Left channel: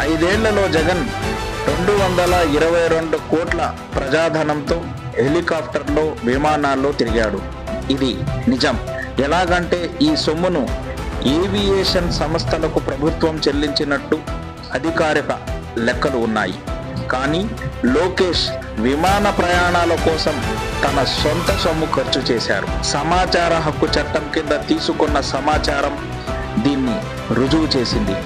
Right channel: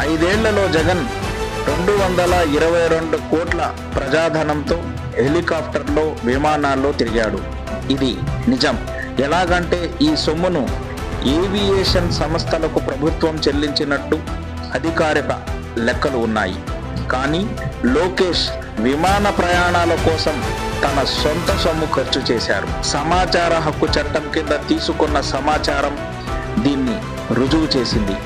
ఐదేళ్లలో జగన్ 222 కోట్ల ప్రజాధనంతో హెలికాప్టర్లో, విమానాల్లో తిరిగాడు. ఇది నిజం. ఎలాగంటే ఈ సొమ్మును ఏవియేషన్ సంస్థలకు ప్రభుత్వం చెల్లించినట్టు అధికారిక లెక్కలు ఉన్నాయి. కానీ లోకేష్ విమాన ప్రయాణాల కోసం తన సొంత సొమ్ము ఖర్చు చేశారు. సమాచార హక్కు చట్టం కింద తీసుకున్న సమాచారం దీన్ని రుజువు చేసింది.